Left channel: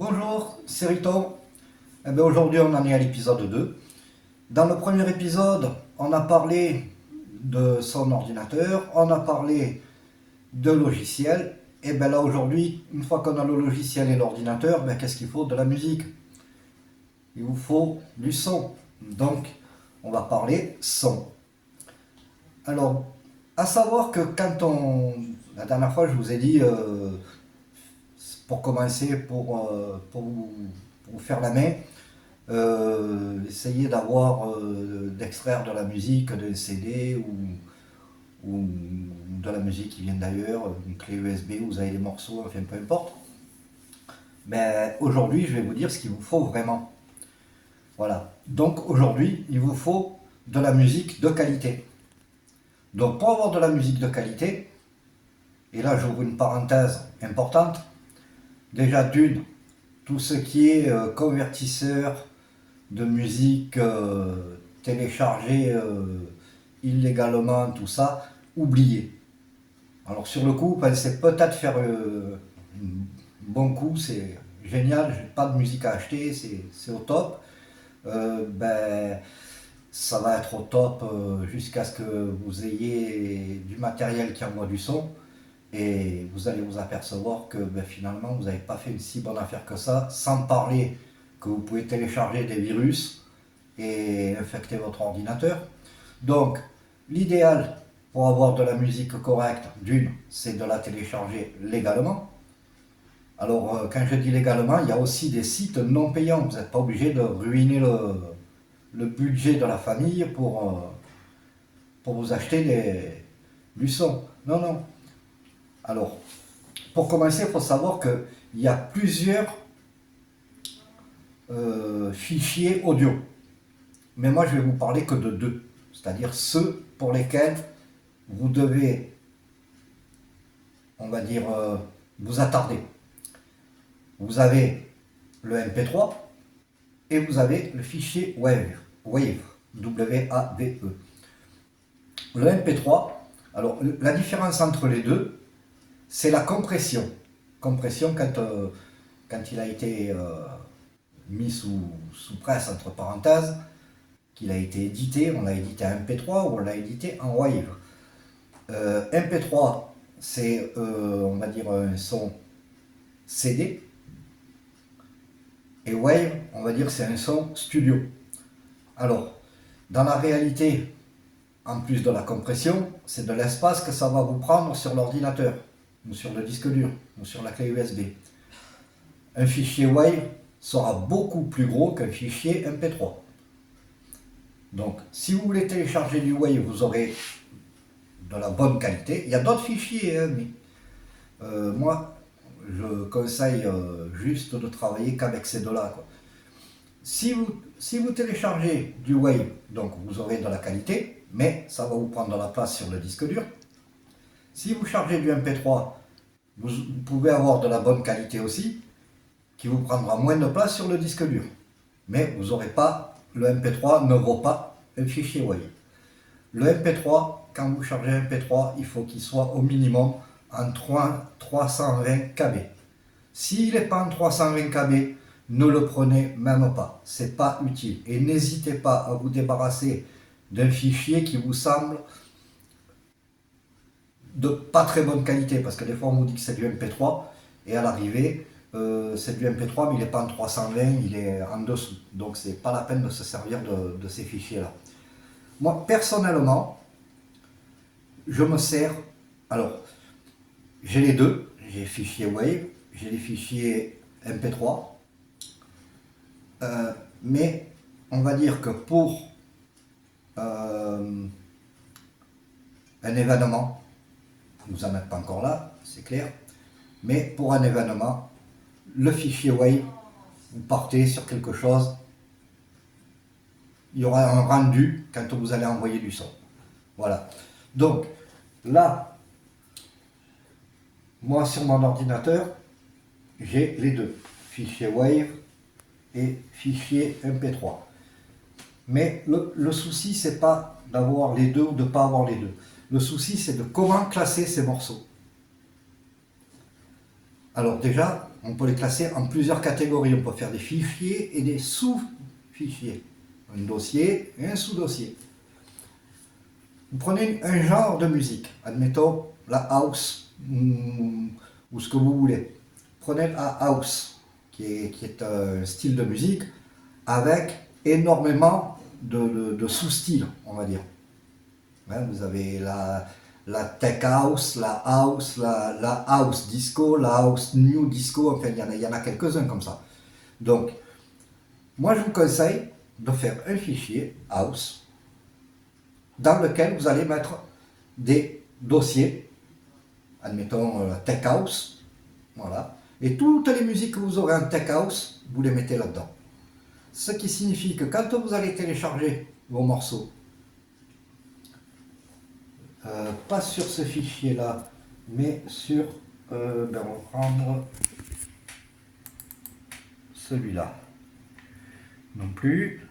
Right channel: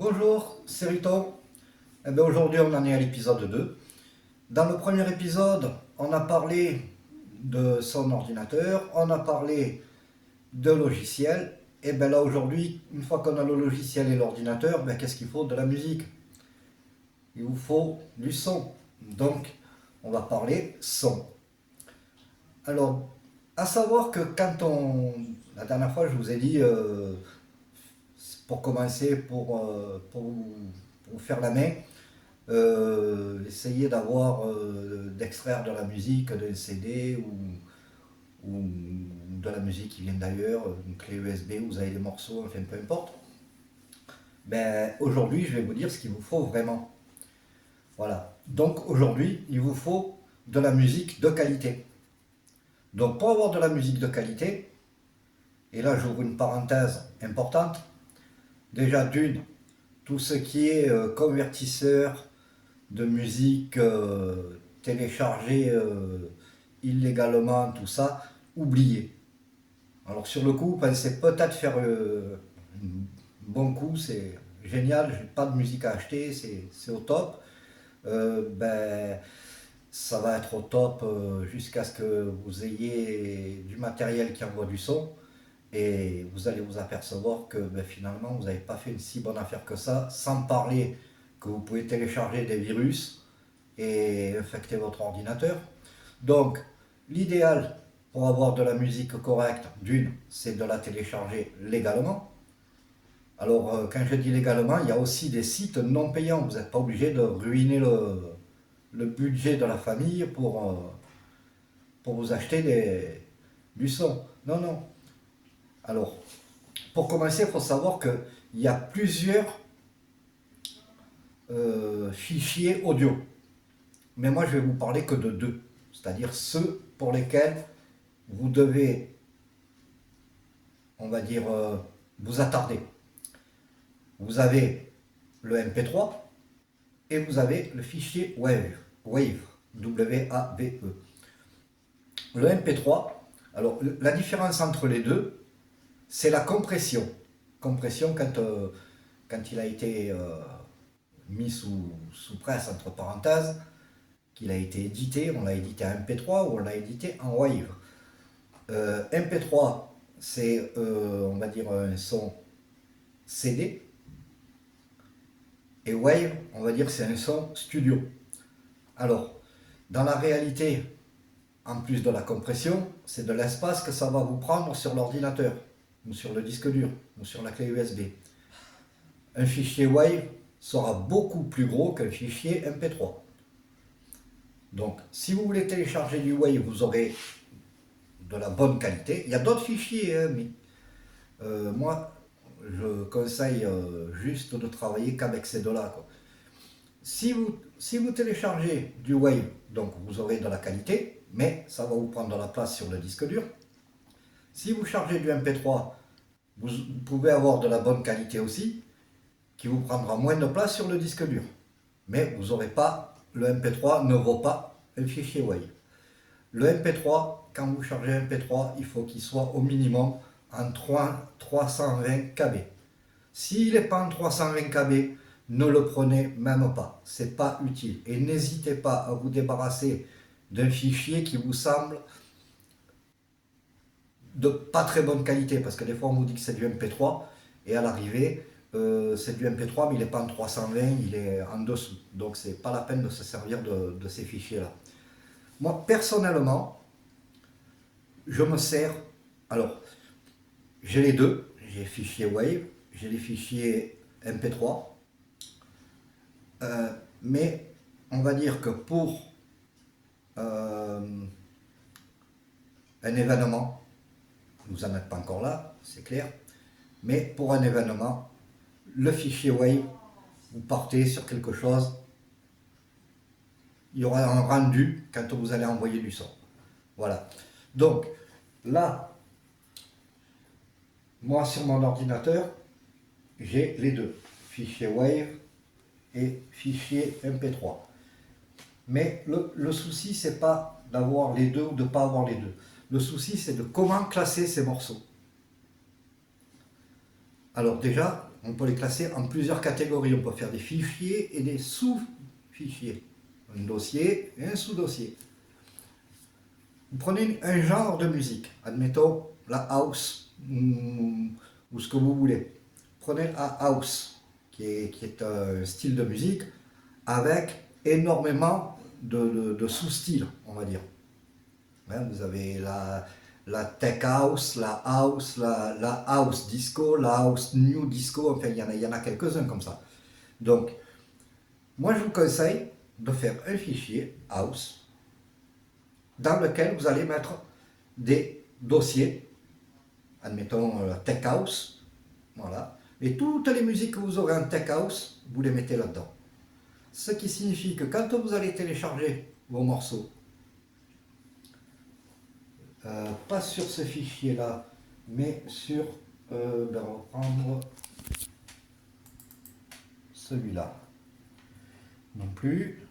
Bonjour, c'est Riton. Aujourd'hui, on en est à l'épisode 2. Dans le premier épisode, on a parlé de son ordinateur, on a parlé de logiciel. Et bien là, aujourd'hui, une fois qu'on a le logiciel et l'ordinateur, qu'est-ce qu'il faut? De la musique. Il vous faut du son. Donc, on va parler son. Alors, à savoir que la dernière fois, je vous ai dit, pour commencer, pour vous faire la main, essayez d'extraire de la musique d'un CD ou de la musique qui vient d'ailleurs, une clé USB, vous avez les morceaux, enfin peu importe. Mais aujourd'hui, je vais vous dire ce qu'il vous faut vraiment. Voilà. Donc aujourd'hui, il vous faut de la musique de qualité. Donc pour avoir de la musique de qualité, et là j'ouvre une parenthèse importante, déjà d'une, tout ce qui est convertisseur de musique téléchargée illégalement, tout ça, oubliez. Alors sur le coup, pensez peut-être faire un bon coup, c'est génial, j'ai pas de musique à acheter, c'est au top. Ben, ça va être au top jusqu'à ce que vous ayez du matériel qui envoie du son et vous allez vous apercevoir que finalement vous n'avez pas fait une si bonne affaire que ça, sans parler que vous pouvez télécharger des virus et infecter votre ordinateur. Donc l'idéal pour avoir de la musique correcte, d'une, c'est de la télécharger légalement. Alors quand je dis légalement, il y a aussi des sites non payants, vous n'êtes pas obligé de ruiner le budget de la famille pour vous acheter du son. Non, non. Alors, pour commencer, il faut savoir qu'il y a plusieurs fichiers audio. Mais moi, je vais vous parler que de deux. C'est-à-dire ceux pour lesquels vous devez, on va dire, vous attarder. Vous avez le MP3 et vous avez le fichier Wave, W-A-V-E. Le MP3, alors la différence entre les deux, c'est la compression. Compression quand il a été mis sous presse, entre parenthèses, qu'il a été édité, on l'a édité en MP3 ou on l'a édité en Wave. MP3, c'est, on va dire, un son CD, et Wave, on va dire, c'est un son studio. Alors, dans la réalité, en plus de la compression, c'est de l'espace que ça va vous prendre sur l'ordinateur, ou sur le disque dur, ou sur la clé USB. Un fichier Wave sera beaucoup plus gros qu'un fichier MP3. Donc, si vous voulez télécharger du Wave, vous aurez de la bonne qualité. Il y a d'autres fichiers, mais moi, je conseille juste de travailler qu'avec ces deux-là. Si vous téléchargez du Wave, donc vous aurez de la qualité, mais ça va vous prendre de la place sur le disque dur. Si vous chargez du MP3, vous pouvez avoir de la bonne qualité aussi, qui vous prendra moins de place sur le disque dur. Mais vous n'aurez pas, le MP3 ne vaut pas un fichier Wave. Le MP3, quand vous chargez un MP3, il faut qu'il soit au minimum en 320 KB. S'il n'est pas en 320 KB, ne le prenez même pas. C'est pas utile. Et n'hésitez pas à vous débarrasser d'un fichier qui vous semble de pas très bonne qualité, parce que des fois on vous dit que c'est du MP3 et à l'arrivée c'est du MP3 mais il n'est pas en 320, il est en dessous. Donc c'est pas la peine de se servir de ces fichiers là. Moi personnellement, je me sers, alors j'ai les deux, j'ai fichier Wave, j'ai les fichiers MP3, mais on va dire que pour un événement, vous n'en êtes pas encore là, c'est clair, mais pour un événement, le fichier Wave, vous partez sur quelque chose, il y aura un rendu quand vous allez envoyer du son. Voilà. Donc là, moi sur mon ordinateur, j'ai les deux, fichier Wave et fichier MP3. Mais le souci, c'est pas d'avoir les deux ou de ne pas avoir les deux. Le souci, c'est de comment classer ces morceaux. Alors déjà, on peut les classer en plusieurs catégories. On peut faire des fichiers et des sous-fichiers. Un dossier et un sous-dossier. Vous prenez un genre de musique, admettons la house ou ce que vous voulez. Prenez la house, qui est un style de musique avec énormément de sous-styles, on va dire. Hein, vous avez la tech house, la house disco, la house new disco, enfin il y en a quelques-uns comme ça. Donc, moi je vous conseille de faire un fichier house dans lequel vous allez mettre des dossiers, admettons tech house, voilà, et toutes les musiques que vous aurez en tech house, vous les mettez là-dedans. Ce qui signifie que quand vous allez télécharger vos morceaux, pas sur ce fichier là, mais sur, on va prendre celui-là, non plus,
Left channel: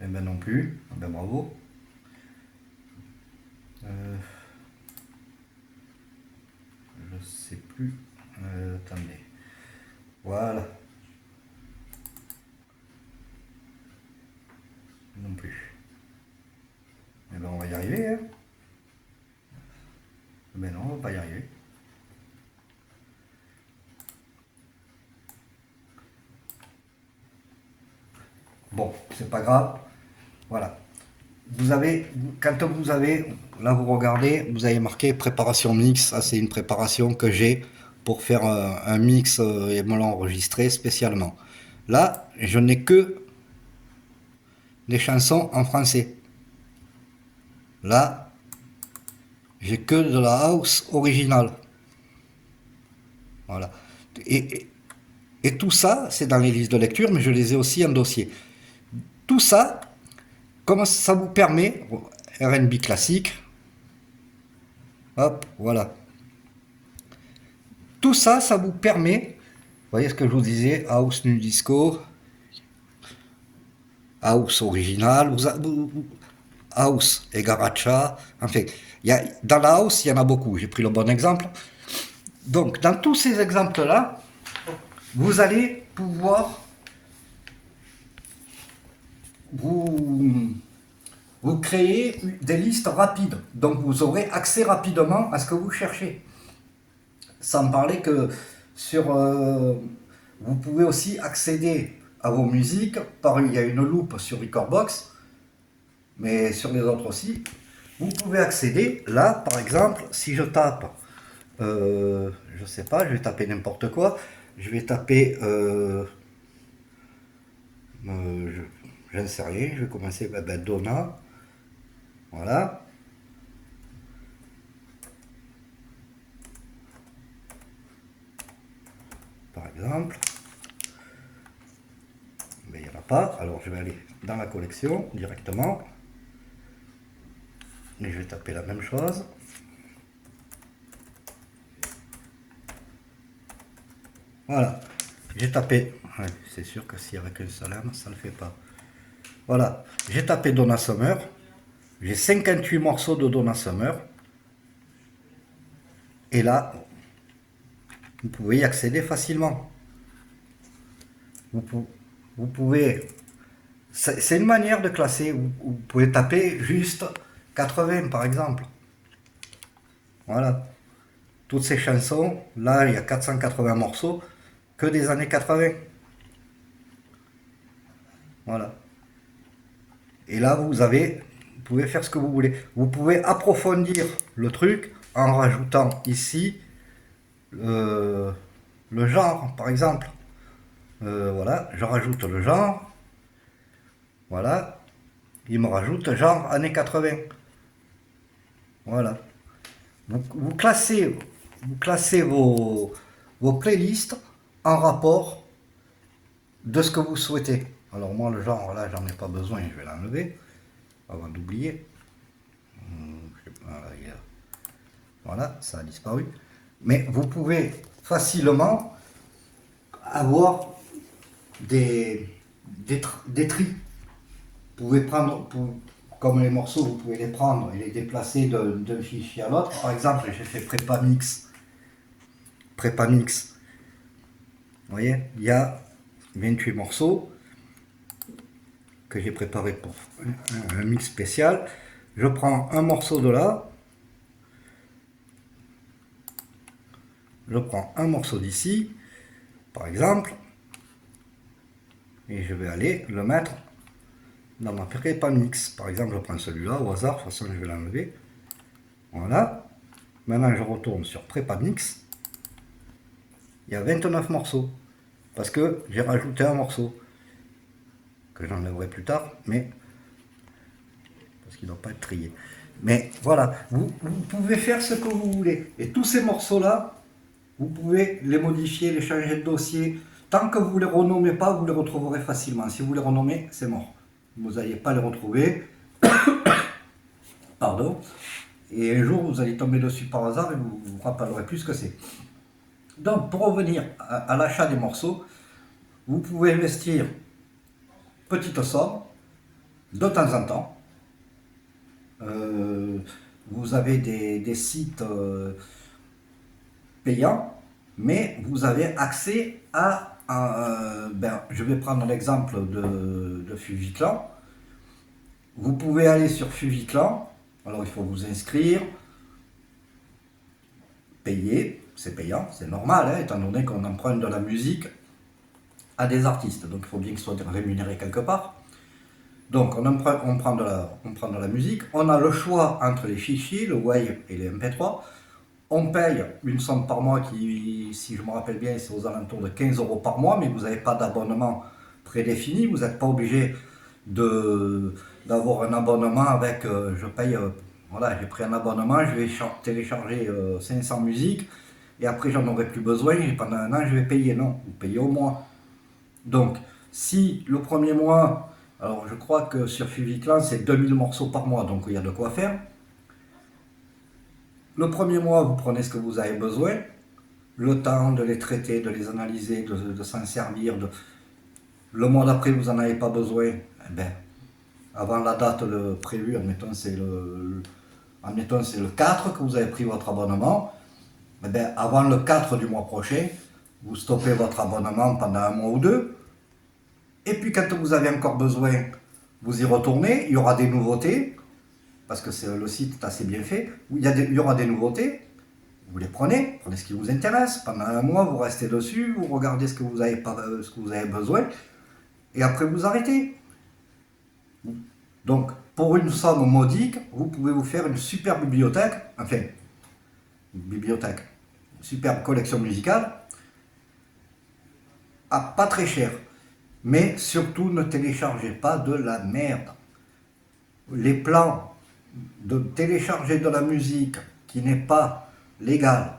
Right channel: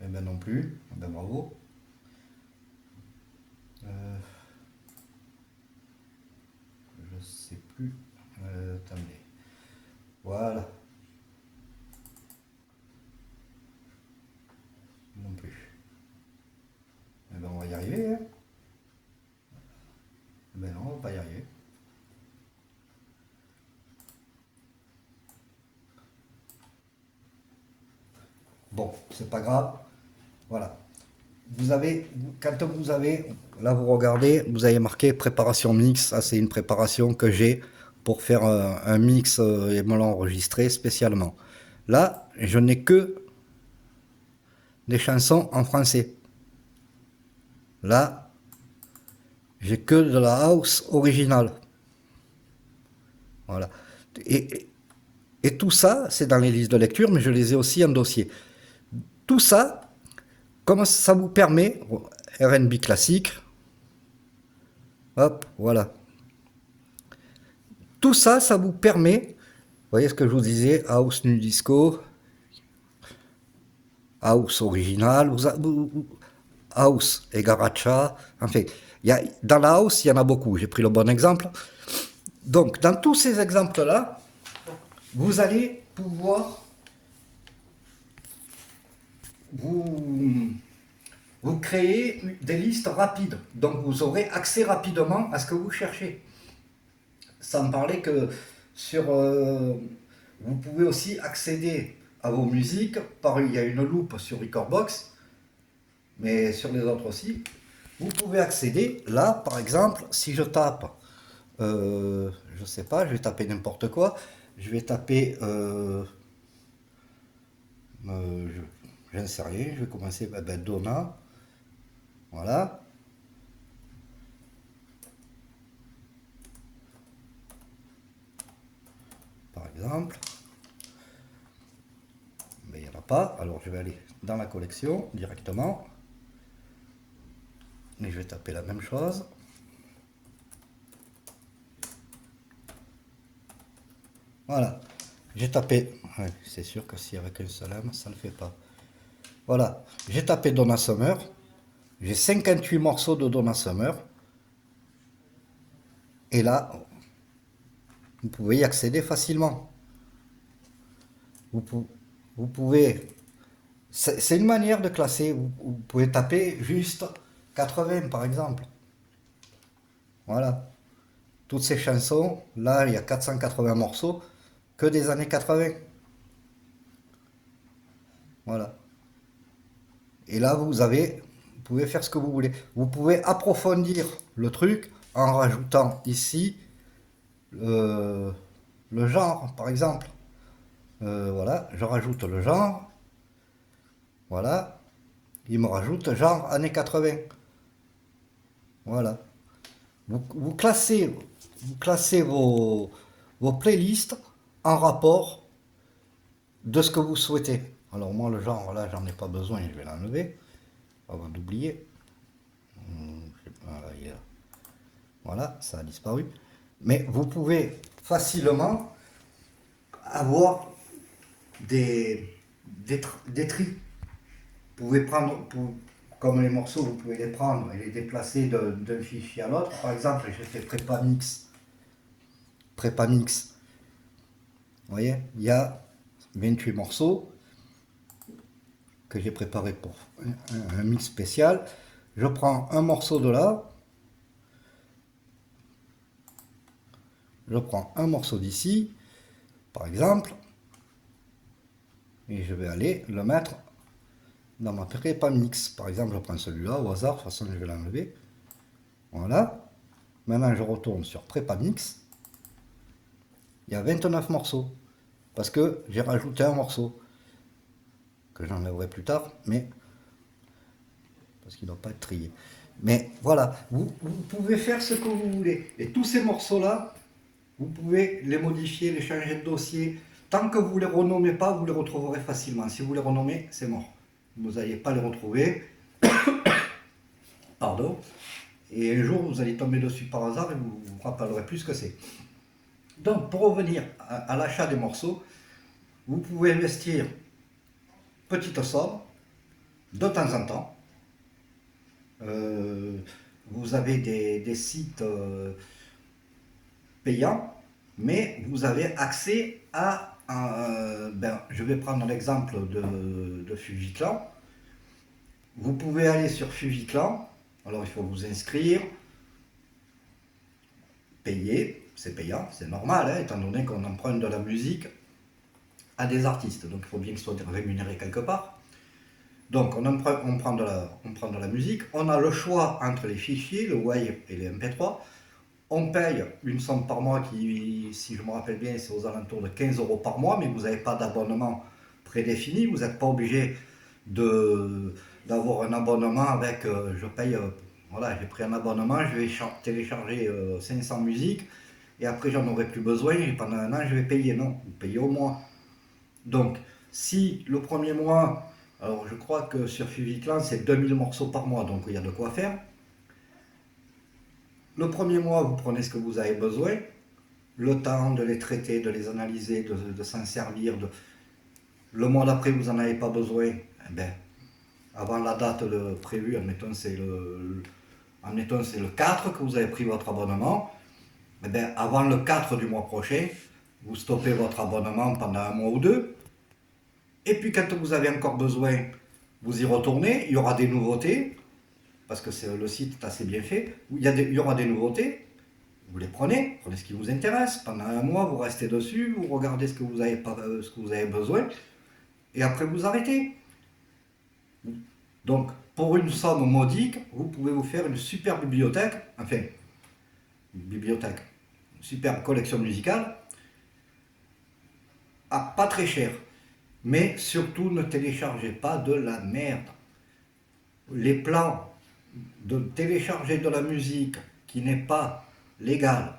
et ben non plus, ben bravo, je sais plus, attendez, voilà, non plus, et ben on va y arriver, hein. Mais non, on va pas y arriver. Bon, c'est pas grave. Voilà. Quand vous avez, là vous regardez, vous avez marqué préparation mix. Ça c'est une préparation que j'ai pour faire un mix et me l'enregistrer spécialement. Là, je n'ai que des chansons en français. Là, j'ai que de la house originale. Voilà. Et tout ça, c'est dans les listes de lecture, mais je les ai aussi en dossier. Tout ça, comment ça vous permet, R&B classique, hop, voilà. Tout ça, ça vous permet, vous voyez ce que je vous disais, house nu disco, house original, house et garacha, enfin, dans la house, il y en a beaucoup, j'ai pris le bon exemple. Donc, dans tous ces exemples-là, vous allez pouvoir vous créer des listes rapides. Donc, vous aurez accès rapidement à ce que vous cherchez. Sans parler que vous pouvez aussi accéder à vos musiques. Il y a une loupe sur Recordbox, mais sur les autres aussi. Vous pouvez accéder, là par exemple, si je tape, je sais pas, je vais taper n'importe quoi, je vais taper, je ne sais rien, je vais commencer, Donna, voilà. Par exemple, mais il n'y en a pas, alors je vais aller dans la collection directement, et je vais taper la même chose. Voilà, j'ai tapé, ouais, c'est sûr que si avec un seul M, ça ne le fait pas. Voilà, j'ai tapé Donna Summer, j'ai 58 morceaux de Donna Summer, et là, vous pouvez y accéder facilement. Vous pouvez, c'est une manière de classer, vous pouvez taper juste 80 par exemple. Voilà, toutes ces chansons, là il y a 480 morceaux, que des années 80. Voilà. Et là vous pouvez faire ce que vous voulez. Vous pouvez approfondir le truc en rajoutant ici le genre, par exemple. Voilà, je rajoute le genre. Voilà. Il me rajoute genre années 80. Voilà. Vous classez vos playlists en rapport de ce que vous souhaitez. Alors moi le genre là j'en ai pas besoin, je vais l'enlever avant d'oublier. Voilà, ça a disparu. Mais vous pouvez facilement avoir des tris. Vous pouvez prendre, comme les morceaux, vous pouvez les prendre et les déplacer d'un fichier à l'autre. Par exemple, j'ai fait prépa mix. Prépa mix. Vous voyez, il y a 28 morceaux que j'ai préparé pour un mix spécial. Je prends un morceau de là. Je prends un morceau d'ici, par exemple, et je vais aller le mettre dans ma prépa mix. Par exemple, je prends celui-là au hasard, de toute façon je vais l'enlever. Voilà. Maintenant je retourne sur prépa mix. Il y a 29 morceaux, parce que j'ai rajouté un morceau, que j'enlèverai plus tard, mais parce qu'il ne doit pas être trié. Mais voilà, vous pouvez faire ce que vous voulez. Et tous ces morceaux-là, vous pouvez les modifier, les changer de dossier. Tant que vous ne les renommez pas, vous les retrouverez facilement. Si vous les renommez, c'est mort. Vous n'allez pas les retrouver. Pardon. Et un jour, vous allez tomber dessus par hasard et vous ne vous rappellerez plus ce que c'est. Donc, pour revenir à l'achat des morceaux, vous pouvez investir petite somme, de temps en temps. Vous avez des sites payants, mais vous avez accès à je vais prendre l'exemple de Fujiclan. Vous pouvez aller sur Fujiclan, alors il faut vous inscrire, payer, c'est payant, c'est normal, hein, étant donné qu'on emprunte de la musique à des artistes, donc il faut bien qu'ils soient rémunérés quelque part. Donc on prend de la musique, on a le choix entre les fichiers, le WAV et les MP3. On paye une somme par mois qui, si je me rappelle bien, c'est aux alentours de 15 € par mois, mais vous n'avez pas d'abonnement prédéfini, vous n'êtes pas obligé d'avoir un abonnement avec, je paye, voilà, j'ai pris un abonnement, je vais télécharger 500 musiques, et après j'en aurai plus besoin, et pendant un an je vais payer. Non, vous payez au mois. Donc, si le premier mois, alors je crois que sur Fujiclan c'est 2000 morceaux par mois, donc il y a de quoi faire. Le premier mois, vous prenez ce que vous avez besoin, le temps de les traiter, de les analyser, de s'en servir. Le mois d'après, vous n'en avez pas besoin. Eh ben, avant la date prévue, admettons c'est le 4 que vous avez pris votre abonnement. Eh ben, avant le 4 du mois prochain, vous stoppez votre abonnement pendant un mois ou deux. Et puis quand vous avez encore besoin, vous y retournez, il y aura des nouveautés. Parce que le site est assez bien fait, il y aura des nouveautés, vous les prenez ce qui vous intéresse, pendant un mois vous restez dessus, vous regardez ce que vous avez besoin, et après vous arrêtez. Donc pour une somme modique, vous pouvez vous faire une super bibliothèque, une superbe collection musicale, pas très cher, mais surtout ne téléchargez pas de la merde. Les plans de télécharger de la musique qui n'est pas légale,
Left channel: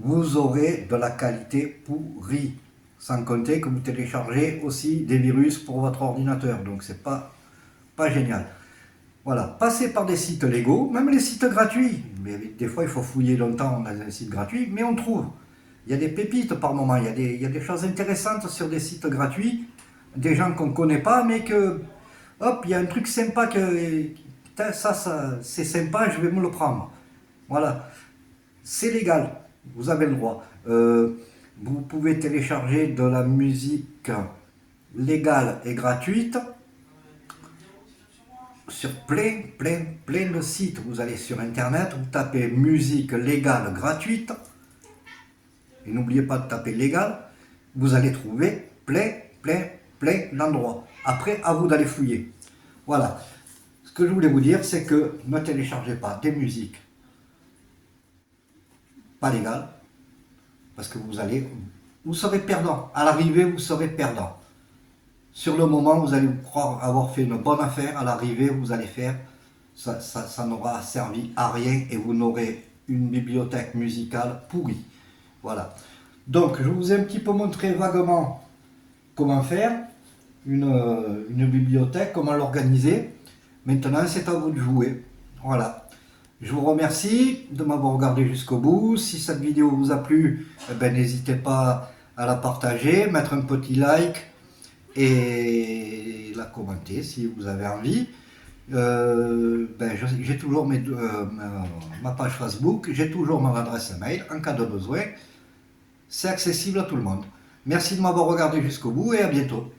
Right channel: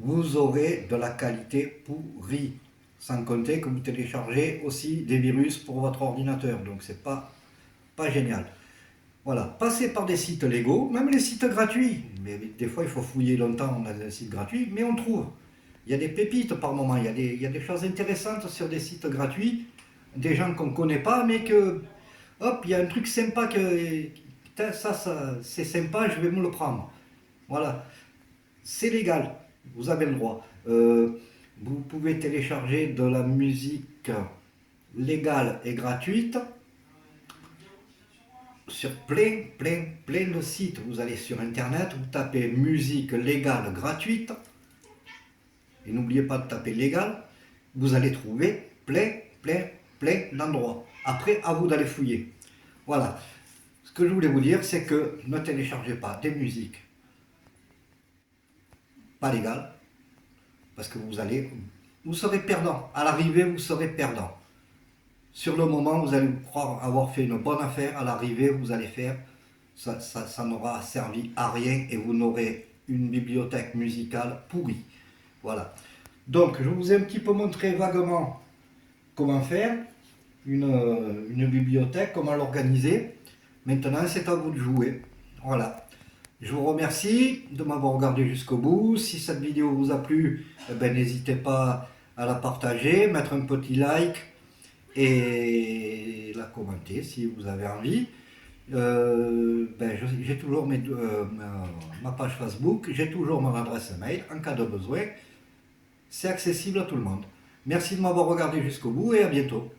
vous aurez de la qualité pourrie, sans compter que vous téléchargez aussi des virus pour votre ordinateur, donc c'est pas génial. Voilà, passez par des sites légaux, même les sites gratuits, mais des fois il faut fouiller longtemps dans un site gratuit, mais on trouve. Il y a des pépites par moment, il y a des choses intéressantes sur des sites gratuits, des gens qu'on ne connaît pas, mais que, hop, il y a un truc sympa ça c'est sympa, je vais me le prendre. Voilà, c'est légal, vous avez le droit. Vous pouvez télécharger de la musique légale et gratuite sur plein de sites. Vous allez sur internet, vous tapez musique légale gratuite, et n'oubliez pas de taper légal, vous allez trouver plein d'endroits. Après, à vous d'aller fouiller. Voilà. Ce que je voulais vous dire, c'est que ne téléchargez pas des musiques pas légales, parce que vous serez perdant. À l'arrivée, vous serez perdant. Sur le moment, vous allez croire avoir fait une bonne affaire. À l'arrivée, vous allez faire, ça n'aura servi à rien et vous n'aurez une bibliothèque musicale pourrie. Voilà. Donc, je vous ai un petit peu montré vaguement comment faire une bibliothèque, comment l'organiser. Maintenant, c'est à vous de jouer. Voilà. Je vous remercie de m'avoir regardé jusqu'au bout. Si cette vidéo vous a plu, n'hésitez pas à la partager, mettre un petit like et la commenter si vous avez envie. J'ai toujours ma page Facebook, j'ai toujours mon adresse mail en cas de besoin. C'est accessible à tout le monde. Merci de m'avoir regardé jusqu'au bout et à bientôt.